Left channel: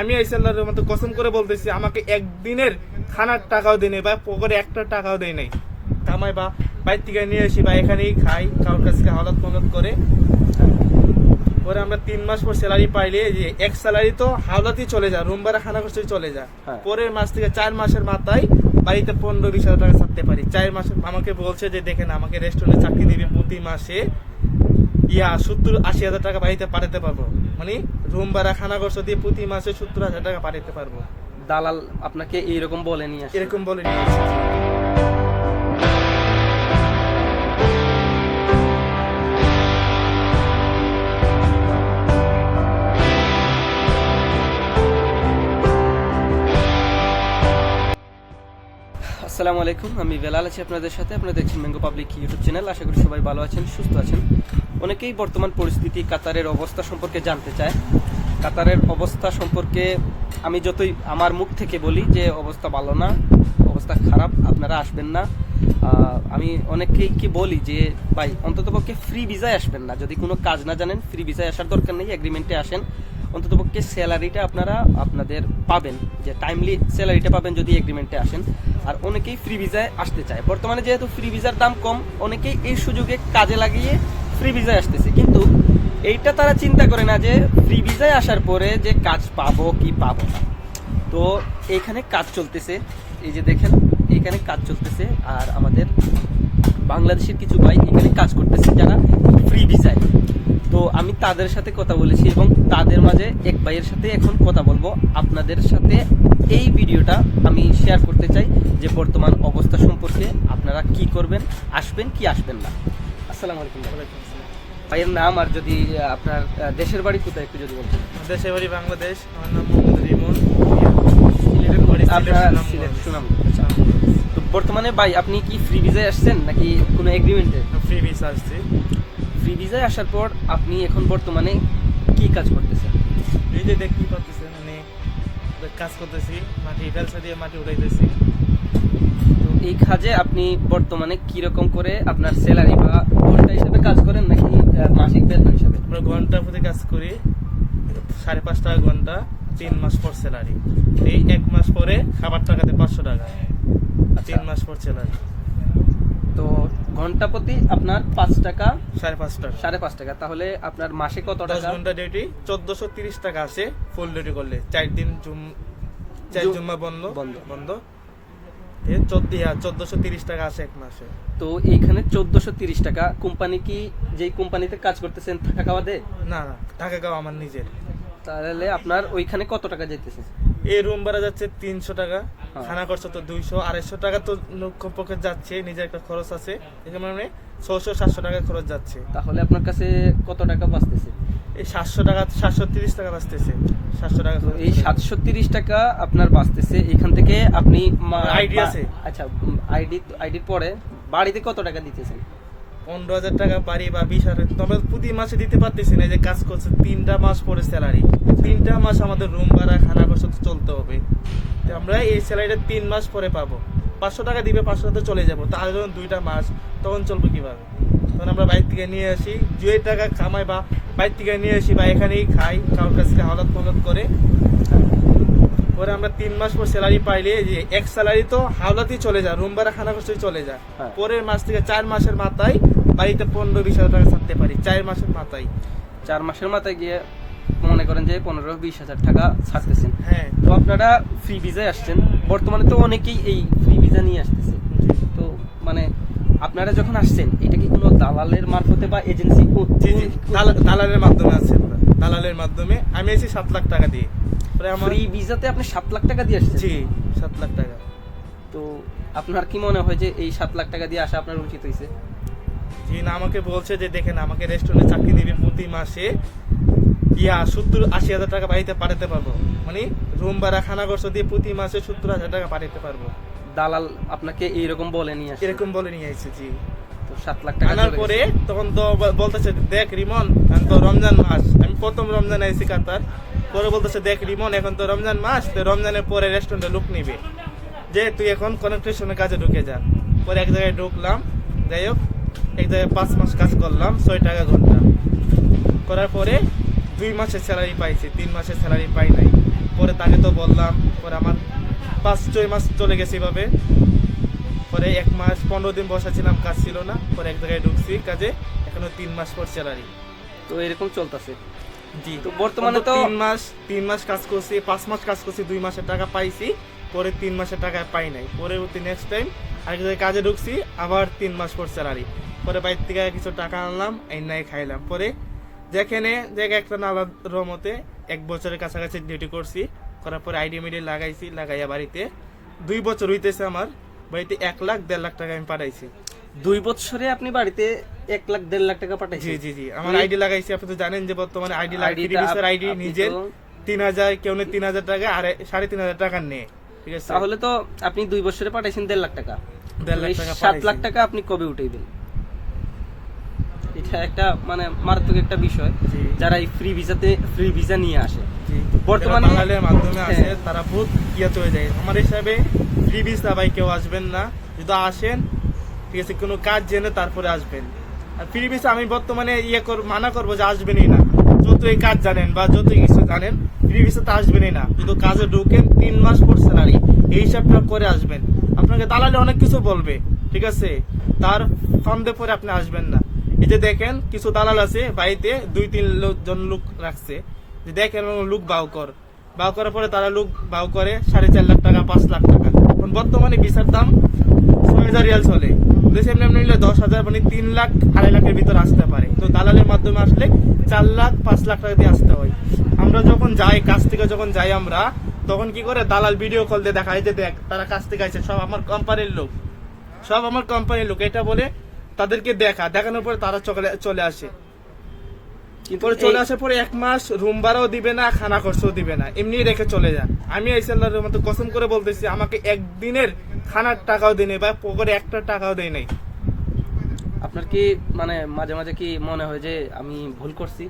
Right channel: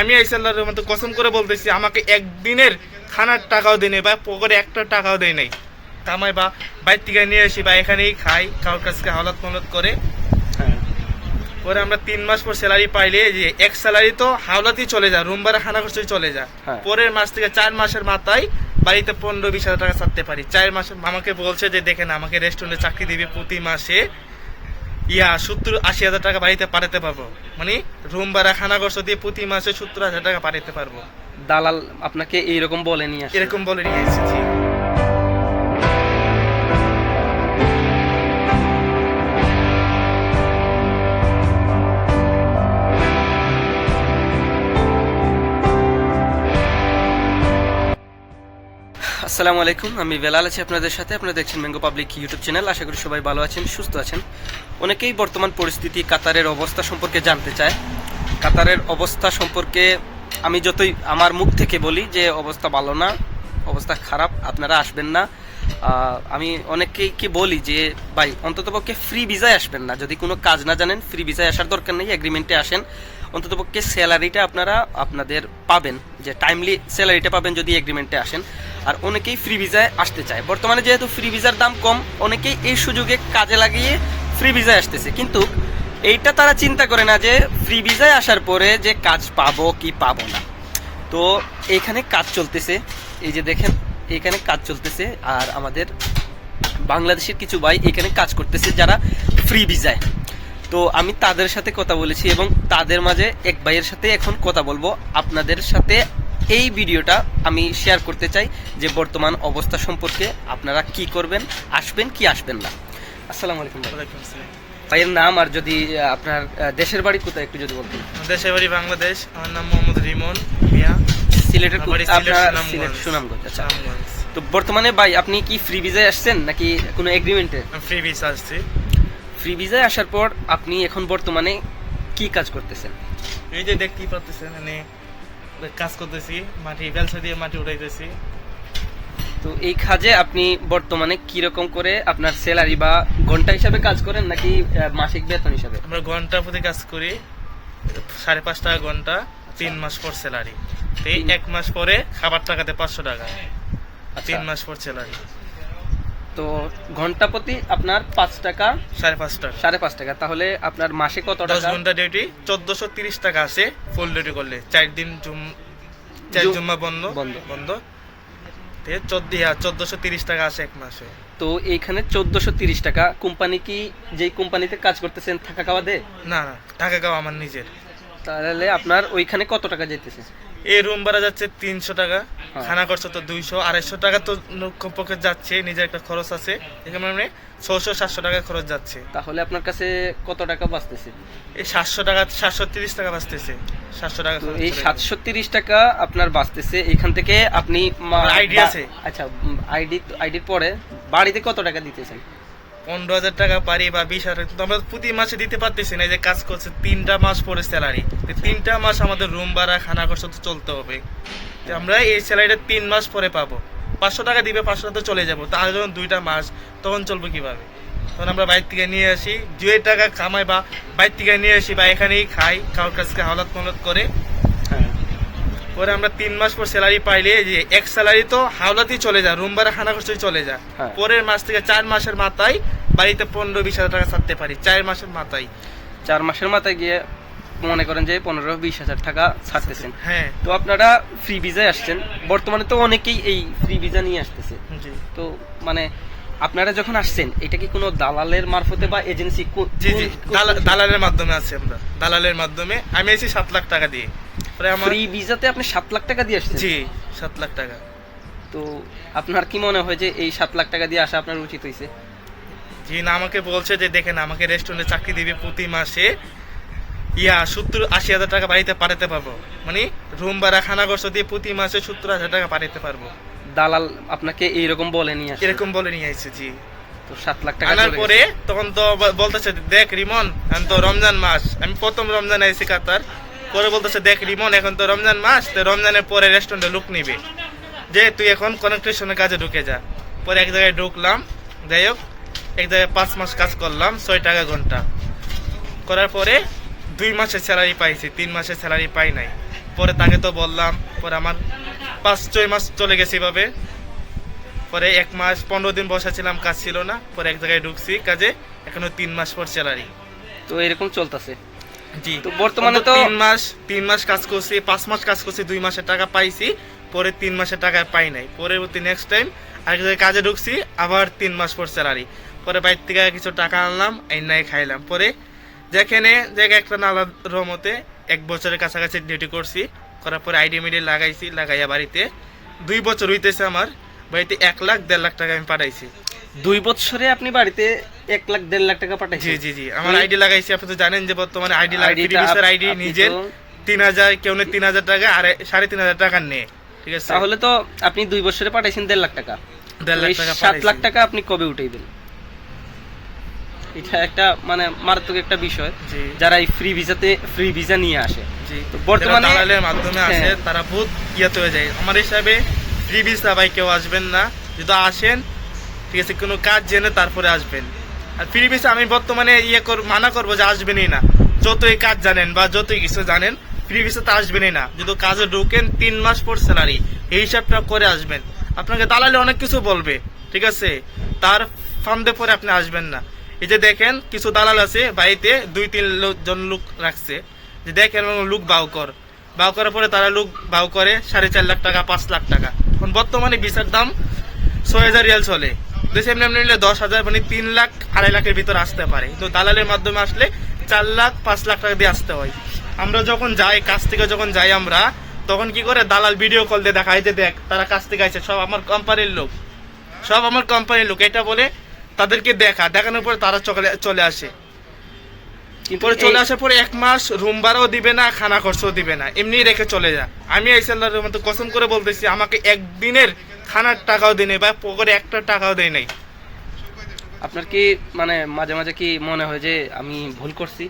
আমি আইসাল্লাহর মতো কসম করে বলতেছি আমাকে একদিনের খানার টাকাও দেয় নাই বা পকেটে একটা টাকাও দেয় নাই। কামাই বা বাইর থেকে নিয়ে আসি বা এখানেই খাই কারোর কাছে হাওলাত মলত করে। পরে আমরা তিন মাস পর স্যালারি পাইলে যে এক স্যালারি তো হাওলাতেই চলে যায় রুম ভাড়া খানা খরচই চলে যায়। হ্যাঁ। পরের মাস থেকে চার মাসের মাথায় বাড়িতে পনেরো বিশ হাজার টাকা ছাড়তে পারি। চার মাসে আমাকে বলছে যে দেখেন আমাকে রেস্টুরেন্টে চাকরি দিবে প্রতি মাসে ইয়া সত্তর আশি হাজার টাকা বাড়িতে পাঠাতে পারব। মানে রুম ভাড়া খানা খরচ দিয়ে প্রতি মাসে সত্তর হাজার টাকা পাঠাতে পারব। দালাল আপনাকে এইরকম বলে নিয়ে এরকম বলে নিয়ে এসেছি। আসসালামু আলাইকুম, আমি বেলাল আছি আপনাদের সাথে। আপনারা দেখছেন ম্যাঙ্গো পাবলিক ইউটিউব চ্যানেল আশা করি সবাই ভালো আছেন, সুস্থ আছেন। অনেকেই বর্তমান পরিস্থিতি, কাতারের অবস্থা সম্পর্কে জানতে চায়। কাতারের অবস্থা সম্পর্কে আমি যতই আমার মুখ থেকে বলি যে অবস্থা ভালো না, অবস্থা খারাপ, আপনারা আসবেন না। আমি অনেকেই কি বলি যে, ভাই, অন্ততপক্ষে ফ্রি ভিসায় আসবেন না। যদি কোনো কাজ না জানেন ফ্রি ভিসায় আসার দরকার নেই এগ্রিমেন্টে আসেন। অন্ততপক্ষে স্যালারিটা আপনারা আপনাদের পাবেন, যে টাইমলি স্যালারিটা পাবেন যদি এগ্রিমেন্টে আসেন। আর অনেকেই ফ্রি ভিসায় আসতে চায়। বর্তমানে যেহেতু ফ্রি ভিসার দাম কম, অনেকেই এই সুযোগে কাজে লাগিয়ে ফ্রি ভিসায় আসতেছে। কিন্তু এইটা তারা চিন্তা করে না যে ফ্রি ভিসায় আসার পরে যে কাজ পাবো কি পাবো না। তো এখানে কাজ চলতেছে। এই যে দেখেন, এখানে কাজ চলতেছে আর আমাদের বাংলাদেশের কিছু ভাই এখানে কাজ করতেছে যারা ফ্রি ভিসায় তো আমি তাদের সাথে কথা বলেছি এবং তাদের মাঝে এক ভাইয়ের সাথে এখন কথা বলব। আপনাদের সাথে এই ভিডিওটা আমি শেয়ার করতে চাই যে বর্তমান অবস্থা সম্পর্কে আপনারা কি করবেন, আসবেন কি আসবেন না। আসসালামু আলাইকুম। ভাইয়ের নাম আর যদি আপনার দেশের বাড়ি কোথায় একটু যদি বলতেন? দেশের বাড়ি বাংলাদেশ। আমার নাম মোহাম্মদ রিমন মিয়া। সিলেটের আপনার। সিলেট সুনামগঞ্জ আচ্ছা। তো বর্তমানে ভাই আপনি কি ফ্রি ভিসায় আসছেন নাকি কোনো এগ্রিমেন্টে ফ্রি ভিসা আসছি। ফ্রি ভিসায় আসার পর আপনি এখন বর্তমানে কি কাজ করতেছেন? এই যে দেখতেই পাচ্ছেন মানে কাজ করতেছি মাটি বেলসা দিয়ে মাটি উঠাইতেছি। এই কাজে আপনি বর্তমানে কি রকম করে আপনার স্যালারি বা ঘণ্টা হিসাবে কাজ করেন নাকি মাসিক বেতন হিসাবে? আমরা ঘণ্টা প্রতি কাজ করি সাড়ে পাঁচ টাকা ঘণ্টা তিন মাস পর স্যালারি এই এক মাস পরে খাবার টাকাতে পাঁচশো টাকা তিন আচ্ছা, মাস পর স্যালারি তো ঘণ্টা প্রতি আপনার পাঁচ টাকা? সাড়ে পাঁচ টাকা। সাড়ে পাঁচ টাকা। তাহলে আপনার মাসে কত টাকা? ঘণ্টা ডিউটি চোদ্দশো তিরিশ টাকা আসে ফুল ডিউটি করলে। চার দিন জুম চার জুম্মা বন্ধ। বন্ধ। বন্ধ। টাকা আসে এক মাসে। তো এইখানে চোদ্দশো তিরিশ টাকা। কোম্পানি কি যেই কোম্পানিতে কাজ করতেছেন থাকা খাওয়া দে না না টাকা খাওয়া আমার নিজের। তাহলে আপনার ওইখানে কত টাকা যাইতেছে? এই রুম ভাড়া যাচ্ছে তিনশো টাকা। হ্যাঁ। খানা খরচ তো দুইশো। আড়াইশো টাকা তো কমপক্ষে যাচ্ছে নিজের একটা খরচ আছে। এখানে মানে ছশো সাতশো টাকা খরচ যাচ্ছে। তাহলে আপনার কাছে কত টাকা বাঁচতেছে? এই সাতশো টাকা সাতশো তিরিশ টাকা বাঁচতেছে। সাতশো টাকা এই সাতশো তিরিশ টাকা আপনার বাঁচতেছে। এখান থেকে আপনি বা- আছে। আচ্ছা আইডি আইডির পরে বাড়িতে কত টাকা দিতেছেন? পনেরো হাজার টাকা পারি বা বিশ হাজার তবে প্রতি মাসে দিতে পারতেছি না যে কাজ করছে, তিনটা মাস পরে স্যালারি তিনটা মাস আমাদের রুম ভাড়া, খানা খরচ তো চলতে হবে। তো আমরা এই স্যালারিটা তিন মাস পরে পাবো। পাঁচশো টাকা দিবে, পাঁচশো টাকা চলে যাব। তাহলে যখন দুইটা মাস, তখন চলবো কীভাবে? তখন আমরা বাইর থেকে নিয়ে আসি, যে টাকা কামাই বা বাইর থেকে নিয়ে আসি বা এখানেই খাই, কারোর কাছ থেকে হাওলাত মলত করে পরে আমরা তিন মাস পর স্যালারি পাইলে যে এক স্যালারি তো হাওলাতেই চলে যায় রুম ভাড়া খানা খরচই চলে যায়। হ্যাঁ। পরের মাস থেকে চার মাসের মাথায় বাড়িতে পনেরো বিশ হাজার টাকা ছাড়তে পারি চার মাসের মাথায়। চার মাসের মাথায় গিয়ে মনে করেন যে পনেরো বিশ হাজার টাকা ছাড়তেছেন। হ্যাঁ। তো আপনারা ফ্রি ভিজায় আসছেন। বর্তমানে তো অনেকেই এই ফ্রি ভিজা নিয়ে আসতেছে। তো মানে আপনারা যখন আসছেন এটা কি কোনো দালালের মারফতে বা এজেন্সি দালালের মাধ্যমে আছে আমরা। দালালের মাধ্যমে আমি এসেছি সাত লাখ টাকা দিয়ে। আমার ফ্রি ভিসাতে আপনি সাত লাখ টাকা দিয়ে আসছেন? জি সাত লাখ টাকা। তো আপনার কি মনে হয় যে এই সাত লাখ টাকা দিয়ে আসা আপনার উচিত হয়েছে জি না আমাকে বলছে যে দেখেন আমাকে রেস্টুরেন্টে চাকরি দিবে প্রতি মাসে। ইয়া সত্তর আশি হাজার টাকা বাড়িতে পাঠাতে পারব। মানে রুম ভাড়া খানা খরচ দিয়ে প্রতি মাসে সত্তর হাজার টাকা পাঠাতে পারব। দালাল আপনাকে এইরকম বলে নিয়ে আসে এরকম বলে নিয়ে আসছে জি। তো সাত লাখ টাকা আনার পরে তখন তো বলতেছে দেখ রিমন এখন তো রমজান মাস আমি প্রথম রমজান আইসি কাতার। পরে বলতেছে, দেখ রিমন, এখন তো রমজান মাস, তো রমজানের পরে রেস্টুরেন্টে লুক নিবে। যে তুই এখন কনেকট্রেশনের কাজে ঢুকে যা। পরে এক জায়গায় ঢুকলাম, যাই হোক, এক জায়গায় পাঁচ মাস কাজ করলাম, ছয় টাকা ঘণ্টা। করার পরে দুই মাসের স্যালারি পাইছি, তিন মাসের স্যালারি পাই নাই। পরে তাকে তো বললাম, পরে আমার পাঁচ, ছয় মাস চলে গেছে এভাবে। পরে এক মাস, পনেরো দিন বসা ছিলাম কাজ ছিল না। পরে এক জায়গায় ঢুকছি, কাজে এখনও তিন মাস পর স্যালারি তো এরকম চলতেছে। জি। তো বর্তমানে তো তিন মাস তিন মাস কাজ করছি পাঁচ মাস কাজ করছি দুই মাসের টাকা পাইছি পরে তিন মাসের টাকা পাই নাই। পরবর্তী নেক্সট টাইম আরেক জায়গায় কাজে ঢুকছি আবার তিন মাস পর স্যালারি পরে বাইর থেকে কিছু টাকা আনলাম এই নাই খাইলাম। পরে যেখানে জায়গায় একটা নালা রমতে এক বছরের কাছাকাছি ডিউটি করছি করার পরে আইডি মিডি লাগাইছি লাগাইয়া বাড়িতে। দুই বছর হইতেছে আমার বাড়িতে এক লাখ দেড় লাখ টাকা আমি পাঠাইছি। দুই বছরে আপনি বাড়িতে এক লাখ দেড় লাখ টাকা জি জি জি। আমার আইডি লাগাইছি আপনি তো জানেন যে বর্তমানে আইডি ID টা লাগাই আইডি নিজের। তিন হাজার কেউ তিন হাজার টাকা আর সাড়ে তিন হাজার টাকা ঠিক আছে? তাহলে তো আপনি দুই বছরে পাঠাইছেন দেড় লাখ টাকা। দেড় লাখ টাকা সাত লাখ টাকা আপনি কবে উঠাইবেন এটা একটা মানে মারাত্মক একটা বিষয়। যারা এই ফ্রি ভিসাতে ফ্রি ভিসা নিয়ে আসে। বর্তমানে- দালালের মাধ্যমে আসে হ্যাঁ। তারা বহুত ইয়াতে হয়ে যায়। আমার হিসাবে ফ্রি ভিসা ভাই কেউ আসবেন না। যদি আসেন ঠিক আছে কোনো কাজ জেনে তারপরে আসবেন। আর ফ্রি আমি বর্তমানে ইয়ে মানা করব যে আসবেনই না। যতই কাজ জানেন বা যতই কিছু জানেন, ফ্রি তো আসবেনই না। যদি কাজে ঢুকেন, তিন মাস পর স্যালারি এই হিসাবটা করে আসবেন। আপনাকে দালালে অনেক কিছু বলবে, ঠিক আছে? তার ফান্দে পরে আপনি আসবেন না। এই যে দেখেন, কিছু দালাল আছে বাড়িতে, দুই, তিন জন লোক রাখছে। যে দেখেন লোক বাউ কর। বাউ করার পরে তারা লোক বাউ করে, সাড়ে চার লাখ টাকা, পাঁচ লাখ টাকা। এখন বর্তমানে ভিসার দাম ছয় হাজার রিয়াল চলে। দেশে এমনি এমনি নিলে দশ হাজার মানে তিন লাখ আড়াই লাখের ভিতর আসতে পারে। তো দালালের মাধ্যমে আসলে চার লাখ পাঁচ লাখ টাকা দিয়ে আসতে হয়। আমরা যখন যাই কাছ থেকে যখন যাই আমরা তখন কি করে দালাল ভিডিও কল দিয়ে দেখাই যে দেখ তারা কাছ থেকে আইছে সব আমার কোম্পানির লোক। সব আমার কোম্পানির লোক। এটা বলে তাদেরকে দেখা। দেখানোর পরে তারা চলে চলে আসে। পরে চলে আসার পরে এক মাস রুম ভাড়াও দিবে না খানা খরচও দিবে না। এমনি রেখে চলে যা আমি আইসাল্লাহর মতো কসম করে বলতেছি আমাকে একদিনের খানার টাকাও দেয় নাই বা পকেটে একটা টাকাও দেয় নাই। আপনার কি মানে মাঝে মাঝে কি মনে হয় যে আমি ভুল করছি?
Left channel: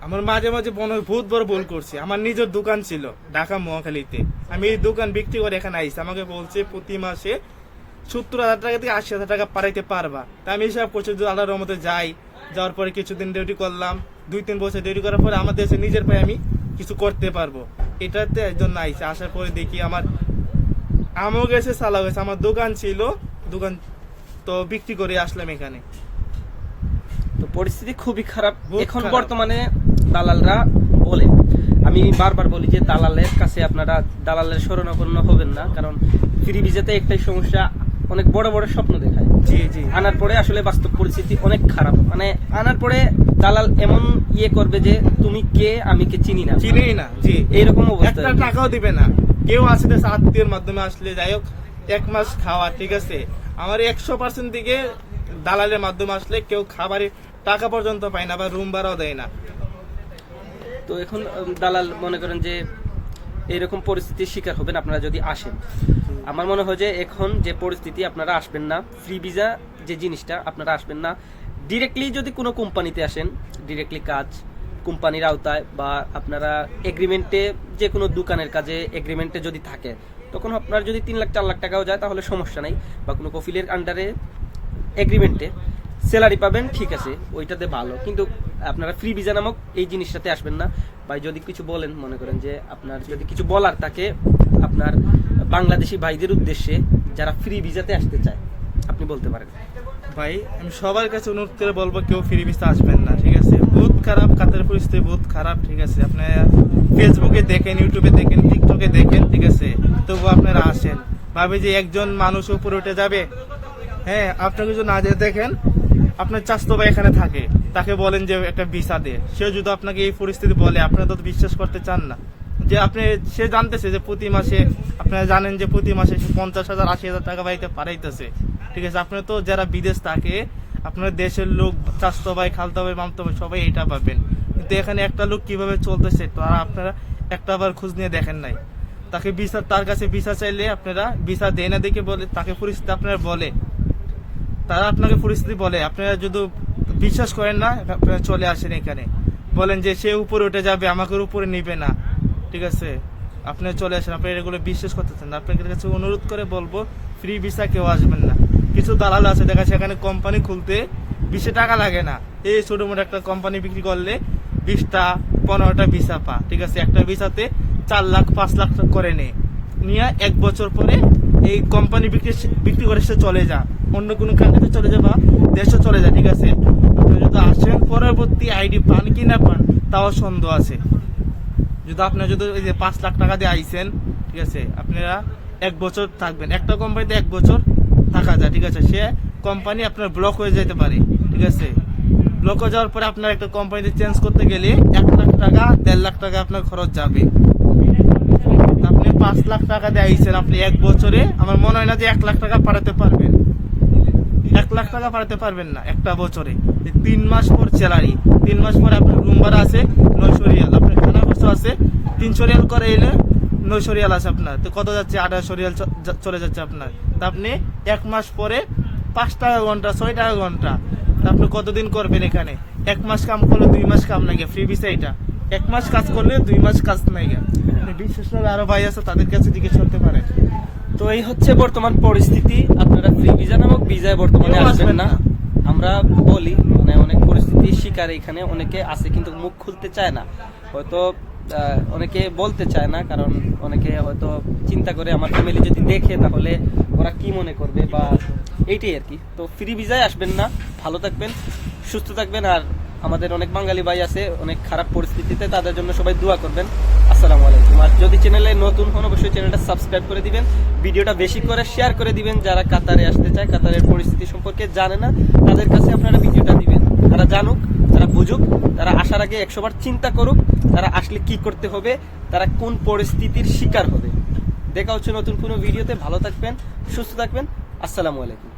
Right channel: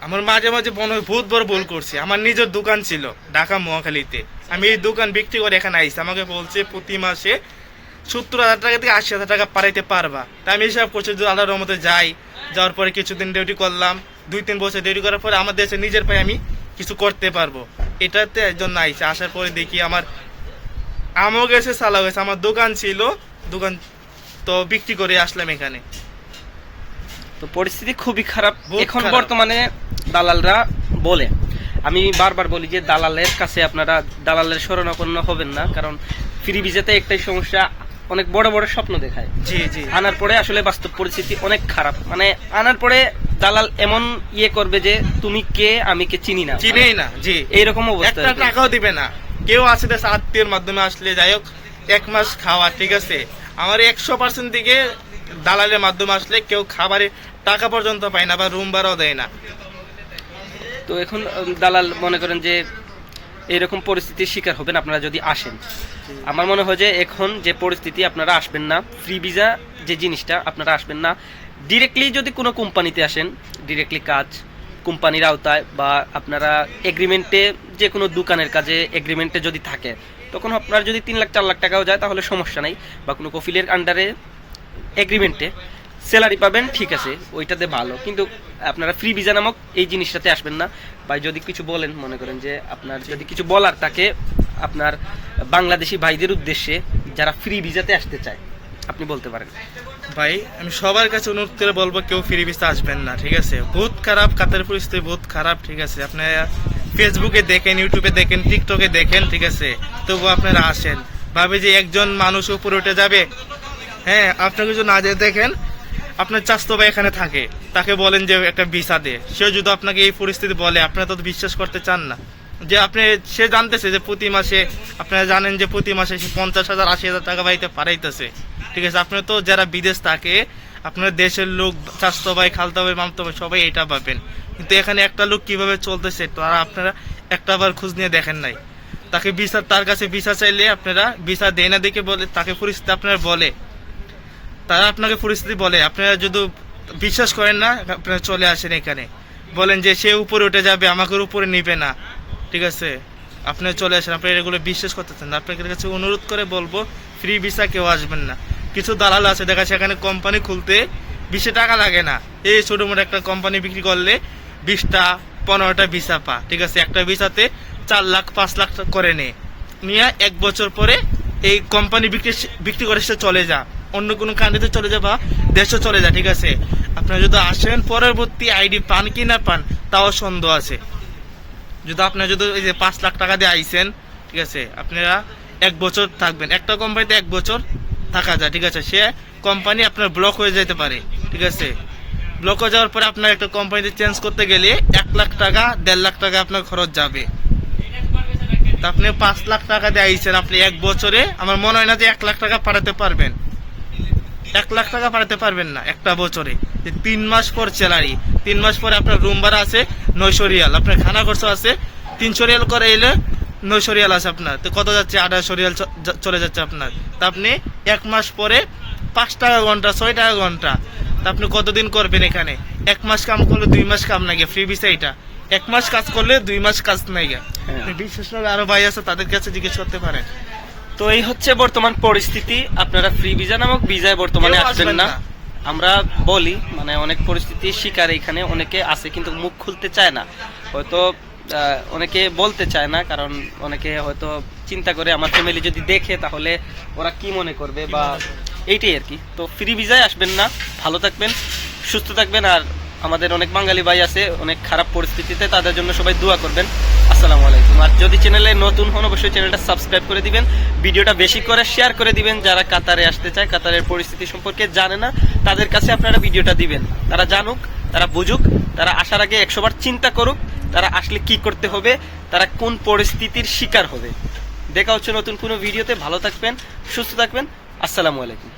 আমার মাঝে মাঝে মনে হয় বহুত বড় ভুল করছি। আমার নিজের দোকান ছিল ঢাকা মহাখালীতে। আমি এই দোকান বিক্রি করে এখানে আইসি আমাকে বলছে প্রতি মাসে সত্তর হাজার টাকা থেকে আশি হাজার টাকা পাঠাইতে পারবা। তা আমি হিসাব করছি যদি আল্লাহর মতো যাই। যাওয়ার পরে কিছুদিন ডিউটি করলাম। দুই তিন বছর ডিউটি করার পরে আমার দেশে নিজের পায়ে আমি কিছু করতে পারব। এটাতে একজন আইসি আসার পরে দেখি আমার আমও গেছে সালাও গেছে আমার দোকান ছিল দোকান তো বিক্রি করে আসলাম এখানে। তো পরিস্থিতি খুবই খারাপ। এখন বর্তমানে দালালরা বলে। আমি বারবার বলি যে দালালের কাছে আপনারা দালালের শরণাপন্ন হবেন না কারণ ফ্রি ভিসাতে একটাই সমস্যা অনেক বড় বড় স্বপ্ন দেখায়। জি জি। আনার পরে আসলে বাস্তব পরিস্থিতি অনেক খারাপ। মানে আনার পরে দালাল এমন ইয়ে করবে যে তুমি কে? আমি কে? চিনি না। চিনেই না জি। এইরকম অবস্থা একটা টাকাও দিবে না। কেউ দেশে আত্মীয়ের মাধ্যমে আসলে, যাই হোক, এক মাস খাওয়া, ঠিক আছে? আমার একশো পার্সেন্ট দিকে দালালের মাধ্যমে আসলে কেউ খাবারে টাকা পর্যন্ত পায় না বা রুম ভাড়াও দেয় না। তো এখন দালাল মনে করেন যে এইরকম পরিস্থিতির শিকার হবেন আপনারা যদি আসেন। আমার মনে হয় যে এখন যে পরিস্থিতি, আপনারা আসবেন না। ফ্রি ভিসা যে জিনিসটা, আপনারা আসবেন না। ডিরেক্টলি যদি কোনো কোম্পানিতে আসেন ডিরেক্টলি কাজ কোম্পানির আওতায় বা আপনারা এগ্রিমেন্টে যে কোনো দোকানের কাজে এগ্রিমেন্টে যদি থাকে, তখন আপনার যদি তিন লাখ, চার লাখ টাকাও যায়, তাহলে সমস্যা নাই। বা কোনো কফিলের আন্ডারে এগ্রিমেন্টে স্যালারি পাবেন, ঠিক আছে, ওইটাতে ভালো। কিন্তু আপনারা ফ্রি ভিসা নামক এই জিনিসটাতে আসবেন না। বা যদি কিছু বলেন, মনে করেন যে আপনার যদি কিছু বলার তাকে আপনার বাংলাদেশি ভাইদের উদ্দেশ্যে যারা ফ্রি ভিসাতে আসতে চায় আপনি বলতে পারেন। ভাই, আমি সবার কাছে অনুরোধ করে বলব, কেউ ফ্রি ভিসা আসবেন না, ঠিক আছে? বহুত খারাপ কাতার পরিস্থিতি বহুত খারাপ, ঠিক আছে? আপনারা ফেসবুকে দেখেন ইউটিউবে দেখেন টিকটকে দেখেন, ঠিক আছে? তবু আপনারা আসেন। ভাবে যে একজন মানুষ উপরে উঠে যাবে। হ্যাঁ আপনাকে যদি না যেতে দেখেন, আপনার চাস্তো ভাই এখানে থাকে। তাকে বলেন যে একটা ভিসা দে। সে যদি আপনাকে এই পরিস্থিতি বলে, আপনারা তো বিশ্বাস করতে চান না। যে আপনি, সে জানতেছে যে প্রতি মাসে, আপনারা জানেন যে প্রতি মাসে সে পঞ্চাশ হাজার, আশি হাজার টাকা বাড়িতে পাঠাইতেছে ঠিক আছে আপনি তো যারা বিদেশ থাকে, আপনার দেশের লোক চাস্তো ভাই, খালতো ভাই, মামতো ভাই, সবাই এটা পাবেন কিন্তু এখানে একটা লোক কীভাবে চলতেছে তারা আপনারা একটা বার খোঁজ নিয়ে দেখেন নাই। তাকে ভিসা, তার কাছে ভিসা চাইলে আপনারা ভিসা দেয় না দেখে বলে, তাকে পরিস্থিতি আপনারা বলে। তারা আপনাকে পরিস্থিতি বলে, আপনারা যদি বিশ্বাস করেন না, আপনারা চলে আসেন এখানে। বলেন যে সে উপরে উঠে যাবে, আমাকে উপরে নিবে না। ঠিক আছে? আপনি চলে আসেন আপনি এগুলো বিশ্বাস করতেছেন আপনাদের কাছে অনুরোধ করে বলব ফ্রি ভিসা কেউ আসবেন না। কিছু দালাল আছে, দেখা সেখানে কোম্পানি খুলতে বেশি টাকা লাগে না। এই ছোটো মোটো একটা কোম্পানি বিক্রি করলে বিশটা, পনেরোটা ভিসা পা, ঠিক আছে? একটা ভিসাতে চার লাখ, পাঁচ লাখ করে নে। নিয়ে এক বছর পরে এই কোম্পানি বিক্রি বিক্রি করে সে চলে যা। অন্য কোনো কান্ট্রিতে চলে যা বা দেশে চলে যা, ঠিক আছে? আপনারা যদি আসেন, পরবর্তী আইডি পান কি না পান, তাও সন্দেহ আছে। যদি আপনার যদি ওই যে পাঁচ লাখ টাকা দিয়ে আইসেন, ঠিক আছে? আপনারা এক বছর থাকবেন। একটা কোম্পানিতে এক বছর থাকা যায়, ঠিক আছে? সে কোম্পানি আপনার ব্লক হয়ে যেতে পারে, ঠিক আছে? ব্লক হয়ে যাওয়ার পরে আপনার একটা কোম্পানিতে চেঞ্জ করতে গেলে এক লাখ টাকা, দেড় লাখ টাকা আপনার খরচ যাবে। আপনি পাঁচ লাখ টাকা দিয়ে আইসেন আপনি এক বছরে, আমার মনে হয় না যে এক লাখ টাকা পাঠাতে পারবেন। এক লাখ টাকা পাঠাতে পারবেন না একটা বছরে। তিন মাস পর স্যালারি তিন মাস পরে আপনার রুম ভাড়া আছে নয়শো রিয়াল, আপনার খানা খরচ আছে তিনশো রিয়াল করে এলে নয়শো রিয়াল আছে আপনার। তো কত যাচ্ছে? আঠাশশো রিয়াল চ- চলে যাচ্ছে আপনার। তা আপনি এক মাস পরে পাঁচ টাকা ঘণ্টা ছয় টাকা ঘণ্টা। তা আপনি কতদিন করবেন এখানে? এক মাস কাম করলে দুই মাস কাম নাই ফ্রি ভিসা এটা। এক মাস কাজ করলে দুই মাস কাজ নাই বিশেষ করে আরও ভাই আছে তাদের কাছে জিজ্ঞেস করতে পারেন। তো এই হচ্ছে বর্তমান পরিস্থিতি। আপনারা ফ্রি ভিসা নামক ভিসায় বর্তমানে আসবেন না। আমরা বলি মানে অনেক পরিস্থিতির শিকার এখানে অনেকে আছে কিন্তু মুখ খুলতে চায় না। হয়তো অনেকে বলতে চায় না, কারণ অনেকে হয়তো চিন্তা করে আমার ফ্যামিলি যদি দেখে, তাহলে ওরা কি মনে করবে বা এইটাই আর কি। তো ফ্রি ভিজায় আসবেন না, ভালো থাকবেন, সুস্থ থাকবেন, আর আমাদের অনেক বাঙালি ভাই আছে, অনেক খারাপ পরিস্থিতিতে তাদের জন্য সবাই দোয়া করবেন। আসসালামু আলাইকুম। আর যদি চ্যানেলে নতুন হন, অবশ্যই চ্যানেলটা সাবস্ক্রাইব করে দিবেন। ভিডিওটা বেশি করে শেয়ার করে দিবেন, যারা কাতারে আসতে চায়, কাতারের পরিস্থিতি সম্পর্কে জানে না, তাদের কাছে আপনারা ভিডিওটা দিবেন। তারা জানুক তারা বুঝুক, তারা আসার আগে একশোবার চিন্তা করুক, তারা আসলে কি করতে হবে, তারা কোন পরিস্থিতির শিকার হবে। দেখা হচ্ছে নতুন কোনো ভিডিওতে, ভালো থাকবেন, সুস্থ থাকবেন, আসসালামু আলাইকুম।